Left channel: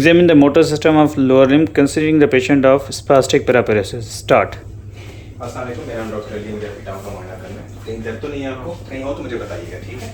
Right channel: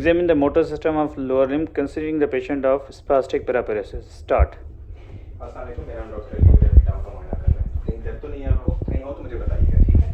Examine the motor system of lower limb considering the patient of spastic paraparesis. Start. अस्सलाम वालेकुम, मेरा नाम doctor Ali है। मुझे अपनी टांग का मुआयना करना है। कहीं दर्द तो नहीं है आपको? कहीं हो तो मुझे बताइएगा, ठीक है?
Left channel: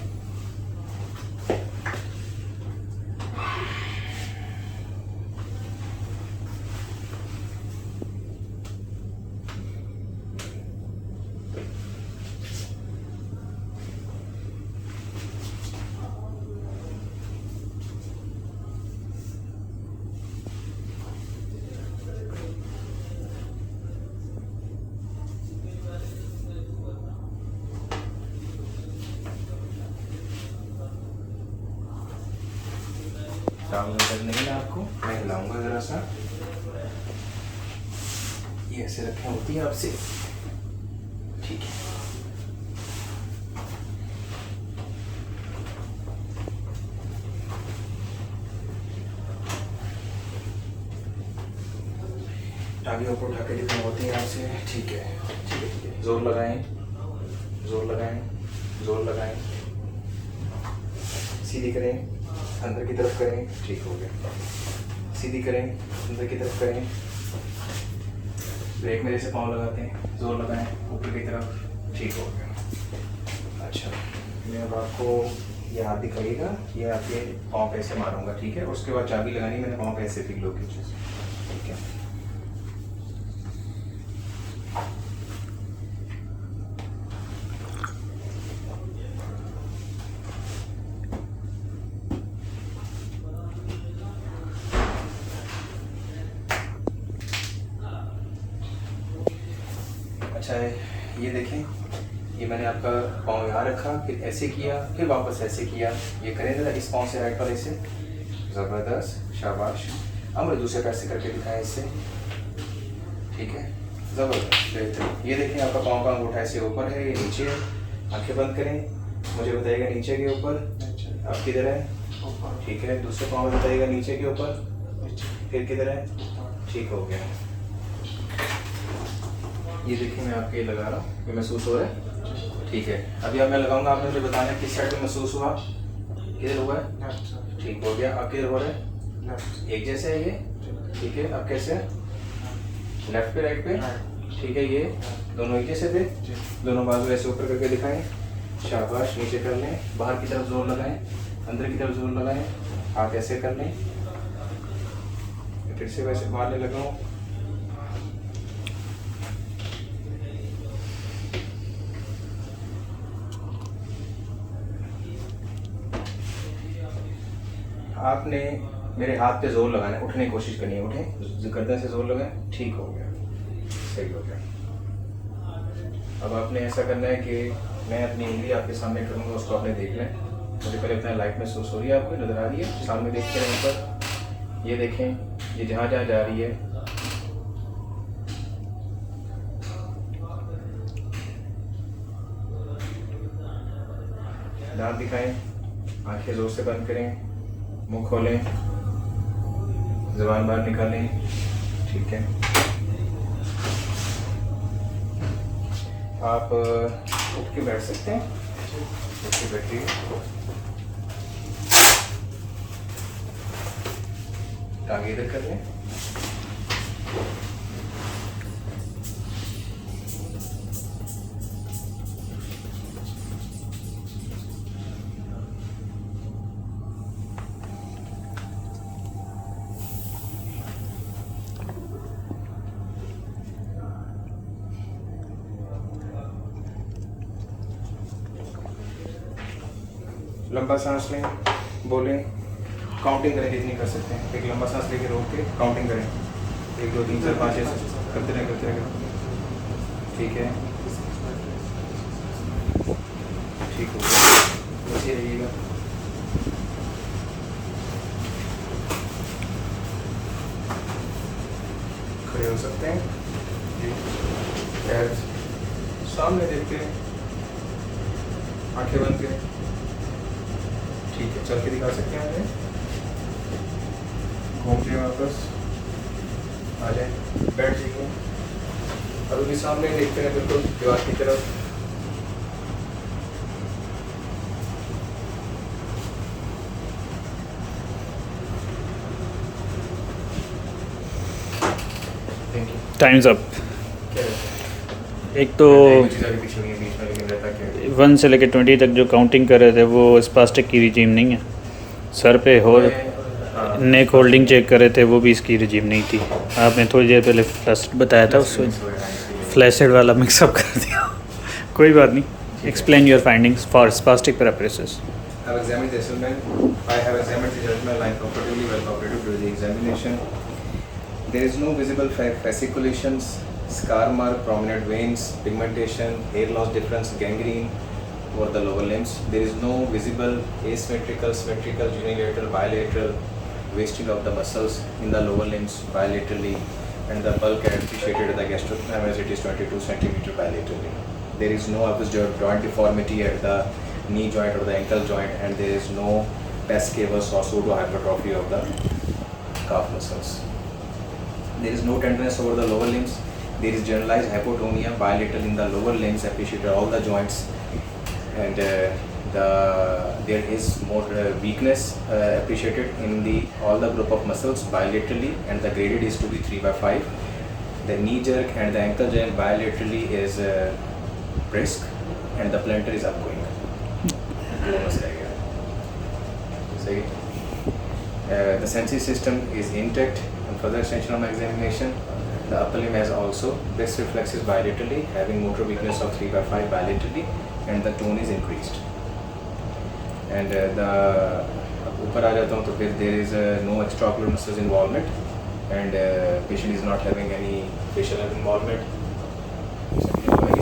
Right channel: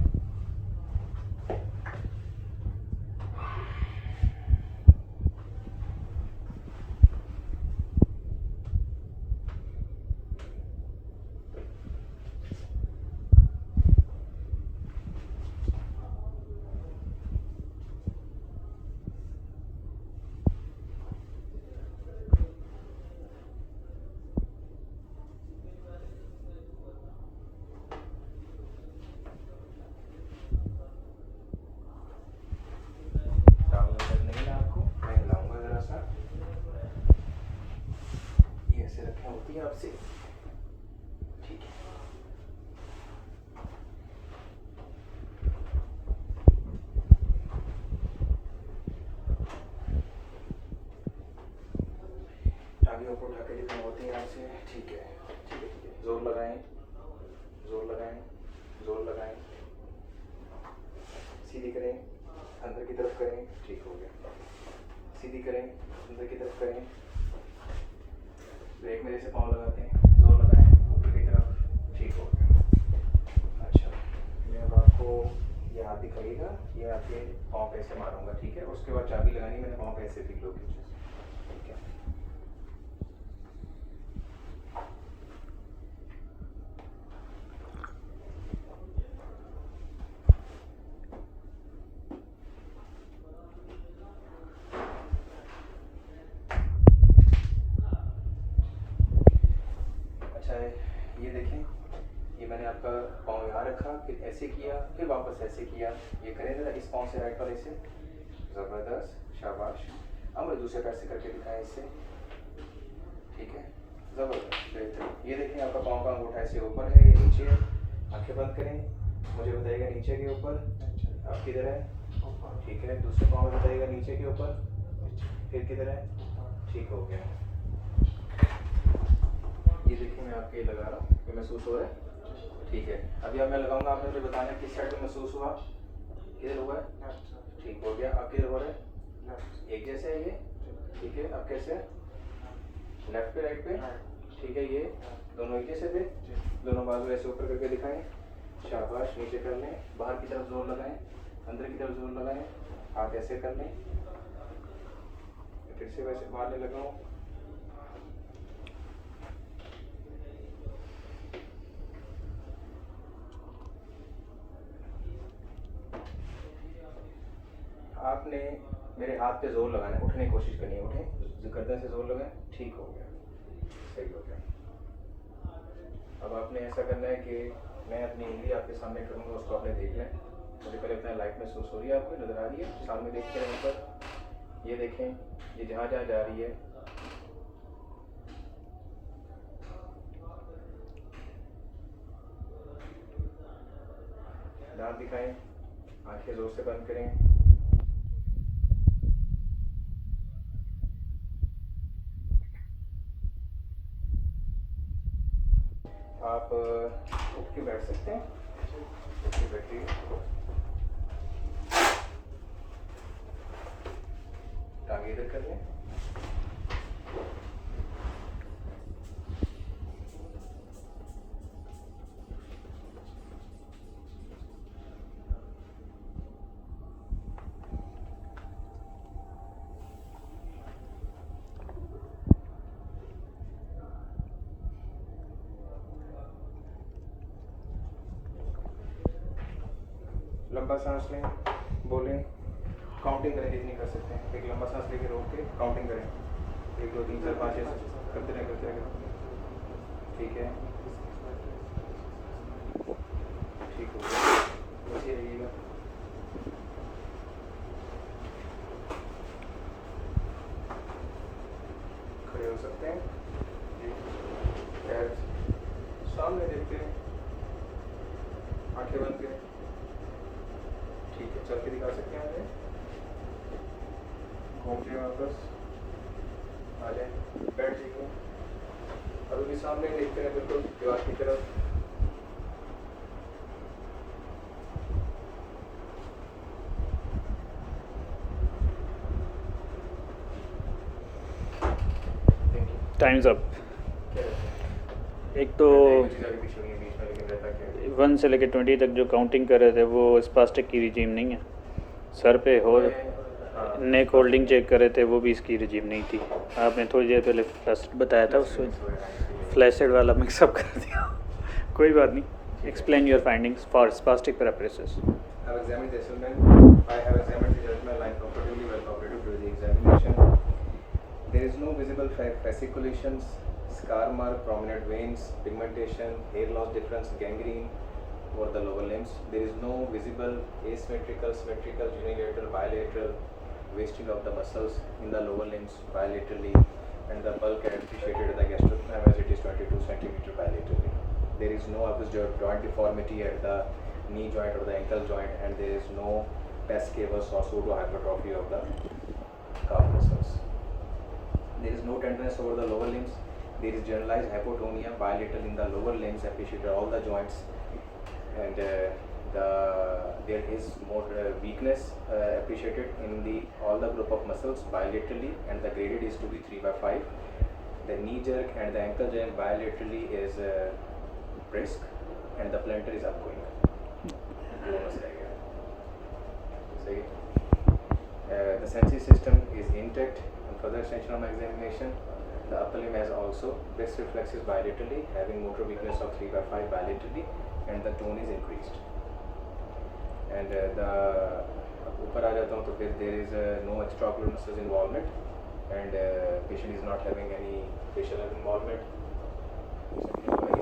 टांग में दर्द नहीं है आपको? मैं हिलाऊंगा ज़रा सा। ये ऐसे रखें होती है आपसे, ठीक है? टांगे ऊपर उठा के दिखाई होती है आपसे, ठीक है? ठीक है, ठीक है। जोर लगाएं, जोर लगाएं, जोर लगाएं। सीधी करें, अंदर की तरफ करें, ठीक हो गया। सीधी करें, अंदर की तरफ करें। ब्रेक मेरे से पाँव लगाते हैं, जोर लगाएं ऊपर की तरफ, ठीक हो गया। अच्छा, मैं अब आपको ये हाथ दिखाइएगा, ये आपके पाँव कैसे मारूंगा, ठीक है? उसके बाद चाबी लगानी, मैंने पाँव कैसे फील होगी, ठीक है? अच्छा है, ये देखें, ये मैंने आपका पाँव यहाँ रखा, फिर ऐसे किया, फिर वापस ऐसे किया। ये करें ज़रा इस पाँव से राइट वाले से, ज़बरदस्त, शाबाश। अब मुझे दूसरे पैर से करके दिखाएं इससे, ठीक है? ज़बरदस्त, बेहतरीन। ये देखें, आपका पाँव का अंगूठा ऐसे ऊपर है, ये नीचे है। आंखें बंद करें, मुझे बताइएगा नीचे के ऊपर, आप किधर है? ठीक है, दूसरे पाँव में बताइएगा नीचे के ऊपर, फिर किधर है? ठीक हो गया। ये देखिए, मैं आपके लगा रहा हूँ, ये महसूस हो रहा है, ठीक है? अभी अब मैं लगाऊंगा, आपने मुझे बताना है किस साइड पे महसूस हुआ, किधर हुआ है? ठीक हो गया। अब किधर हो रहा है? एक जैसे है ये, ठीक है? अब कैसे है? लेफ्ट पे, राइट पे, ठीक है? ये दोनों एक जैसे थे, दोनों बाजू ऐसे ऊपर करके दिखाएं, शाबाश। नीचे कर लें, बाहर की तरफ जोर लगाएं, अंदर की तरफ जोर लगाएं, हाथ ऐसे कर लें, फिर से वैसे मारने लगाऊँ। आपने मेरे हाथ पे जोर लगाना है, उठने की कोशिश करनी है, उठें, गर्दन से जोर लगाएं, ठीक हो गया, सही हो गया। अब आपने ऐसा करना है कि मैं अपनी उंगली आपके सामने करूँगा, उसको आपने देखना है। मुझे पहले इतना लाइट महसूस हो रही है, आपको नज़र आ रही है? सामने देखते रहें ऊपर, ये देखें, ये जहाँ जहाँ जा रही है, दांत दिखाएं, आंखें जोर से बंद करें, मुंह खोलें, ज़ुबान बाहर निकालें, ठीक है? आप उठ के बैठ सकते हैं, उठ के बैठिए। टांगे इधर कर लें, लंबा सांस लें, बोलें, काउंटिंग करें जितनी कर सकते हैं। एक लंबा सांस लेके रोक के काउंटिंग करें, 1 2 3 4 5 6 करते रहें, करते रहें, ठीक है? ठीक हो गया, बस ये रहिएगा। खड़े हो सकते हैं जी, पैर सामने देखते हैं, आंखें बंद करें, ठीक है? चल के दिखा सकते हैं हमें, घूम के वापस आ जाए, बैठ जाइए। और उनके सामने देखते हैं, बिल्कुल दीवार की तरफ। Times up. क्या रहता एक तो है? कुछ चीज़ आगे पीछे हुई है बीच में, लेकिन रहता क्या है? 1 से लेकर 20 तक जो काउंटिंग कर रहे थे वो स्पास्टिक की रिजीम नहीं है। सर पे और हाँ, नेक होल्डिंग चेक कर रहे थे वो भी इसकी रिजीम नहीं थी। आपने थोड़ी देर पहले फ्लैश बताया था उसको फ्लैशेड वाला मिक्सअप कर दिया। कोई बात नहीं, explain your findings for spastic पैरापेरेसिस। I have examined the gentleman. I have examined the gentleman line comfortably, well cooperative during the examination. There is no visible fasciculations, scar mark, prominent veins, pigmentation, hair loss difference, gangrene over the lower limbs. There is no visible asymmetrical, symmetrical, unilateral, bilateral wasting of the muscles in the lower limbs bilaterally, and the bulk appreciated at the gastrocnemius as it is 22 centimeter bilaterally. There is no obvious joint deformity at the knee joint or the ankle joint, and there is no pes cavus or pseudo hypertrophy of the calf muscles. There is no tenderness over the lower limbs. There is generalized hypotonia bilateral in the lower limbs appreciated all the joints, and there is more weakness appreciated in all the group of muscles bilaterally, and the graded is to be 3/5. The knee jerk and the ankle jerk bilaterally is brisk, and the plantar is upgoing. The sensory system is intact. On further extension of my examination, the upper limb has also best reflexes bilaterally, having motor weakness of 3/5 bilaterally, and the tone is increased. And the ऊपर आ जाता हूँ तो फिर there is no extraocular muscles involvement, and patient is not having any facial nerve involvement.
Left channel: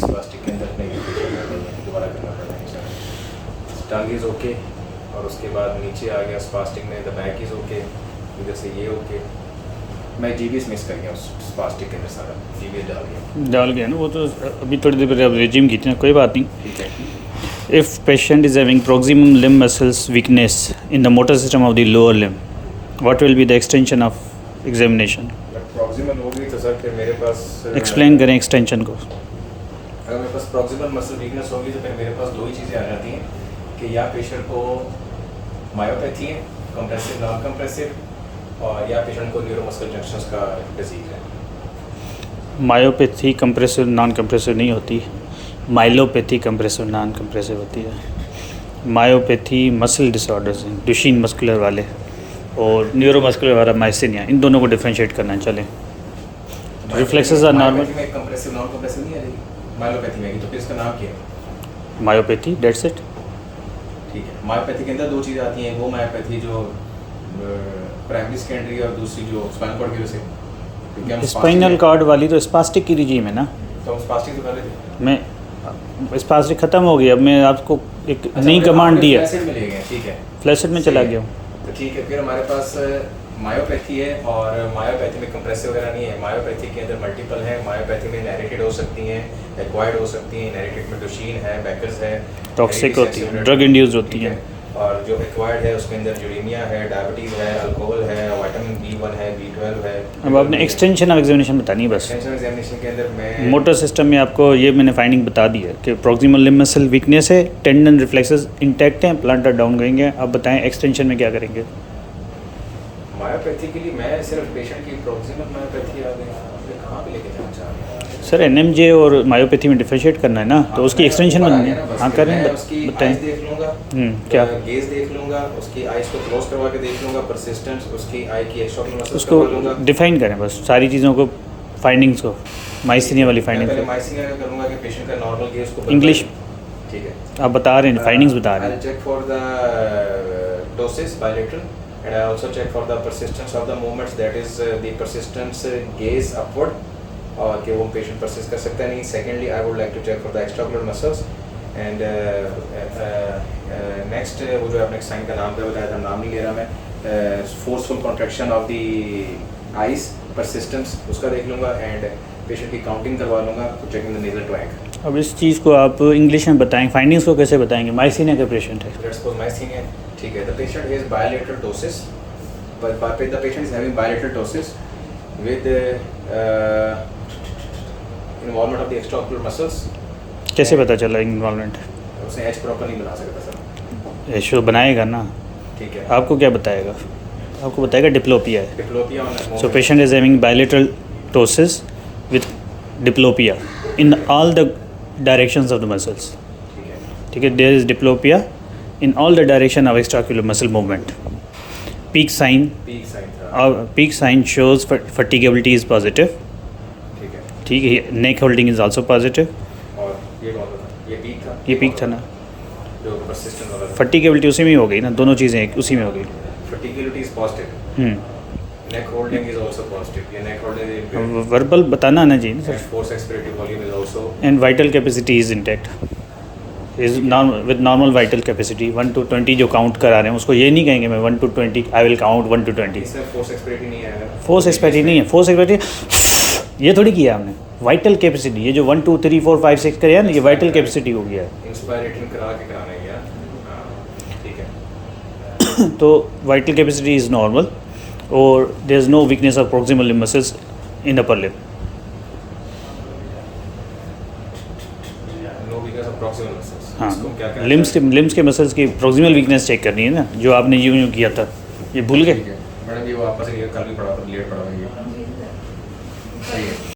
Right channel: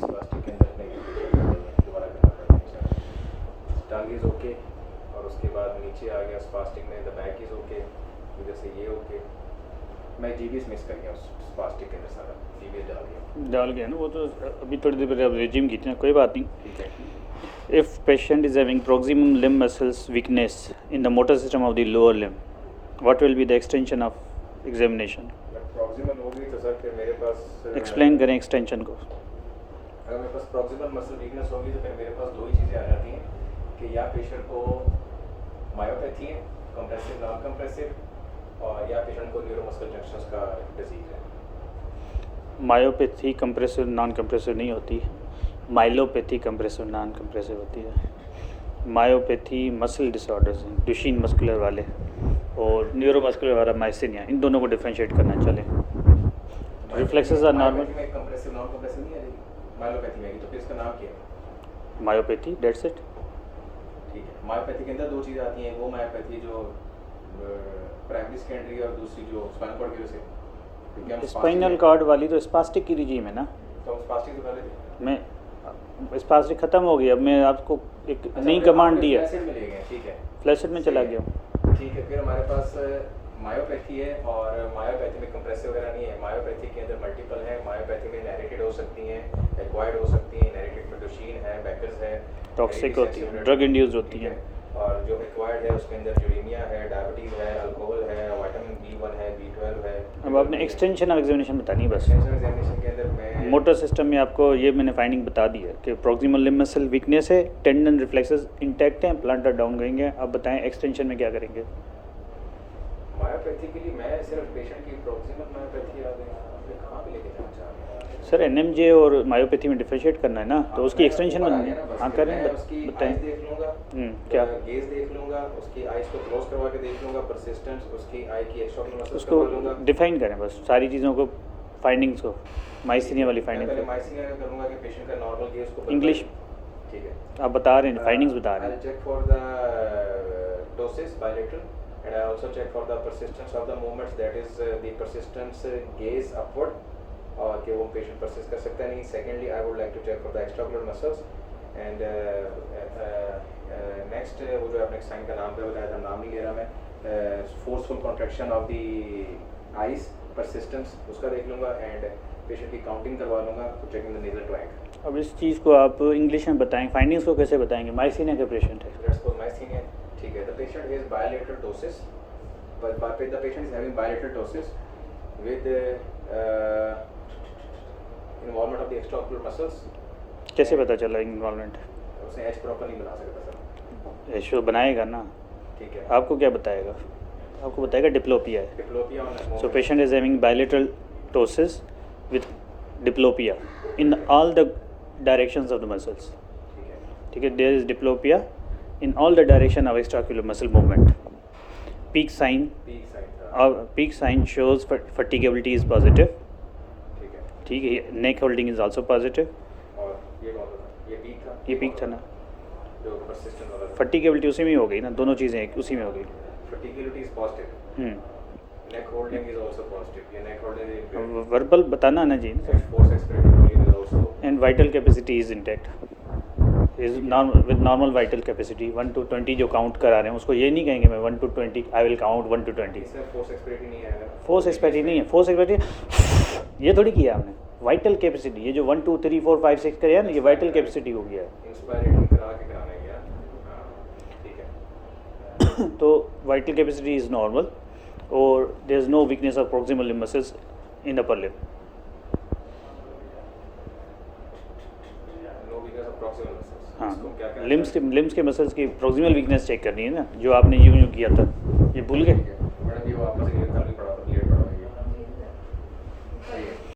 Spastic के अंदर नहीं facial nerve नहीं है, दोबारा करना पड़ता है। Tongue is okay, और उसके बाद नीचे आ गया स्पास्टिक में, the back is okay, इधर से ये okay। मैं GBS मिस कर गया उस स्पास्टिक के अंदर सारा GBS डाल गया ना वो तो अभी थोड़ी देर पहले रिजीम की थी ना, कोई बात नहीं। ठीक है। If patient is having proximal limb muscles weakness in the motor system of the lower limb, what will be the extension of examination? Proximal हो गई तो सर फिर मेरे पास एक्सप्लेन करें एक्सटेंशन को। अगर मेरे पास प्रॉक्सिमल मसल वीकनेस होगी तो फिर मेरे पास दो ही चीज़ें आ जाती हैं कि या पेशेंट को मायोपैथी है, कंप्रेसिव नॉन कंप्रेसिव, और या पेशेंट को न्यूरोमस्कुलर जंक्शंस का डिजीज है। मायोपैथी कंप्रेसिव नॉन कंप्रेसिव नहीं होती, माइलोपैथी कंप्रेसिव नॉन कंप्रेसिव होती है। मायोपैथी मसल डिसऑर्डर्स हैं, डुशीन मस्कुलर वाले और न्यूरोमस्कुलर वाला माइसिनिया, इन दोनों को डिफरेंशिएट करना चले। Reflexes are normal. Compressive non compressive नहीं आएगी, मायोपैथी में आएगी, तो फिर इसका नाम क्या है? Myopathy, that's it. ठीक है। मायोपैथी के अंदर दो चीज़ें आती हैं, वो मायोपैथी जो प्राइमरी सेकेंडरी और दूसरी जो स्पाइनल कॉर्ड की वजह से। स्पाइनल कॉर्ड वाली तो स्पास्टिक की रिजीम है ना, तो हम स्पास्टिक तो कर रहे थे। मैं स्पास्टिक ख़त्म हो गई, अब मैं आपको एक नई कमांड दी है, फ्लैसिड में ले गए, ठीक है, फ्लैसिड में चला गया। ठीक है। फिर हमारे पास मायोपैथी है, और मायोपैथी में कंप्रेसिव वगैरह नहीं है। मायोपैथी के अंदर मल्टीपल है, मायोपैथी में इनहेरिटेड हो सकती हैं, एक्वायर्ड हो सकती हैं। इनहेरिटेड में डुशीन है, बैकर्स है, टॉक्सिक होती है, ड्रग इंड्यूस्ड होती है। और जो एक्वायर्ड है उसके अंदर यूरेनिया है, डायबिटीज़ है, अल्कोहल है, विटामिन B1 है, B12 है। अब आपने एक्सटेंशन ऑफ एग्जामिनेशन बतानी है बस। एक्सटेंशन एग्जामिनेशन के अंदर मैं मोटर सिस्टम में आपको ये मैंने फाइंडिंग बता दी है कि प्रॉक्सिमल लिम्ब मसल वीकनेस है, टेंडन रिफ्लेक्सेस इंटैक्ट हैं, प्लांटर डाउन गएंगे। आप बताएं एक्सटेंशन में क्या करेंगे? मायोपैथी के लिए मैं सिर्फ पेशेंट की प्रॉक्सिमल मायोपैथी आ गई, आपने कहाँ पे लेके जाना चाह रहे हैं? सर एनएमजे और मायोपैथी में डिफरेंशिएट करना है ना, तो उसकी एक्सटेंशन में हाँ करें, उसकी बताएं। आइज देख लूँगा, क्या गेज देख लूँगा, उसकी आइज को क्लोज करवा के देख लूँगा, परसिस्टेंस, उसकी आई की एक्सट्राऑक्युलर मसल्स उसको करवा लूँगा। डिफाइन करें बस सारी चीज़ों को, फाइंडिंग्स को, माइसिनिया वाली मैं फाइंडिंग्स पहले को। माइसिनिया का करूँगा कि पेशेंट का नॉर्मल गेज को इंग्लिश ठीक है, आप बता रहे हैं, फाइंडिंग्स बता रहे हैं। I'll check for the ptosis bilateral, and I also check for the persistence of the movements, that is the persistence gaze upward, और कि वो पेशेंट परसिस्ट कर सकता है नहीं। Secondly I would like to check for the extraocular muscles, and next वो जो आपने साइन का नाम बताया था, नाम नहीं ले रहा मैं, forceful contraction of the eyes, persistence, उसका देख लूँगा, एंड पेशेंट की काउंटिंग करवा लूँगा, चेकिंग द नेजल ट्रैक। अब इस चीज़ को आप इंग्लिश में बताएं, फाइंडिंग्स को कैसे बताएंगे? माइसिनिया का पेशेंट है, लेट्स सपोज माइसिनिया, ठीक है। The patient has bilateral ptosis, but the patient is having bilateral ptosis with involvement of the extraocular muscles। कैसे पता चला इन्वॉल्वमेंट? उसने एच प्रॉपर नहीं बना सकता सर। एशो बनाएगा ना, ठीक है। आपको क्या बताएगा? आपको बताएगा डिप्लोपिया है। Diplopia so patient is having bilateral ptosis with diplopia in all the directions of the muscles. ठीक है. ठीक है, there is diplopia in all the direction of extraocular muscle movement. Peak sign peak sine था. peak sign shows fatigability is positive. ठीक है. ठीक है, neck holding is also positive. और ये कौन सा था? ये पीक था. ये peak था ना. जो persistent वाला था. फटीगेबिलिटी उसी में ही हो गई ना, दोनों चीज़ें उसी में हो गई. Fatigability is positive. Neck holding is also positive. ये neck holding is impaired. Verbal बताना ना जी. And force expiratory volume is also. And vital capacity is intact, is normal with normal vital capacity 1 to 20 जो count करा रहे हैं उसको ये नहीं कहेंगे मैं 1 to 20 I will count 1 to 20. इसमें force expiratory नहीं आया ना. फोर्स एक्सपेक्टी नहीं है, फोर्स एक्सपेक्टी ये थोड़ी किया हमने. वाइटल कैपेसिटी ये जो 1 2 3 4 5 6 करे ना, ये वाइटल कैपेसिटी हो गया है. Inspiratory करा के कराना है यार. हाँ, ठीक है. तो वाइटल कैपेसिटी इज नॉर्मल और there is no weakness of proximal limb muscles in upper limb. No weakness of proximal muscles. हाँ, इसको क्या कहते हैं? लिम्स के मसल्स की प्रॉक्सिमल वीकनेस चेक करनी है ना, जो आपने यूं किया था, ये भूल गए. ठीक है. मैडम ये वापस ये कल भी पढ़ा था, लेट पढ़ा था ये. सही है.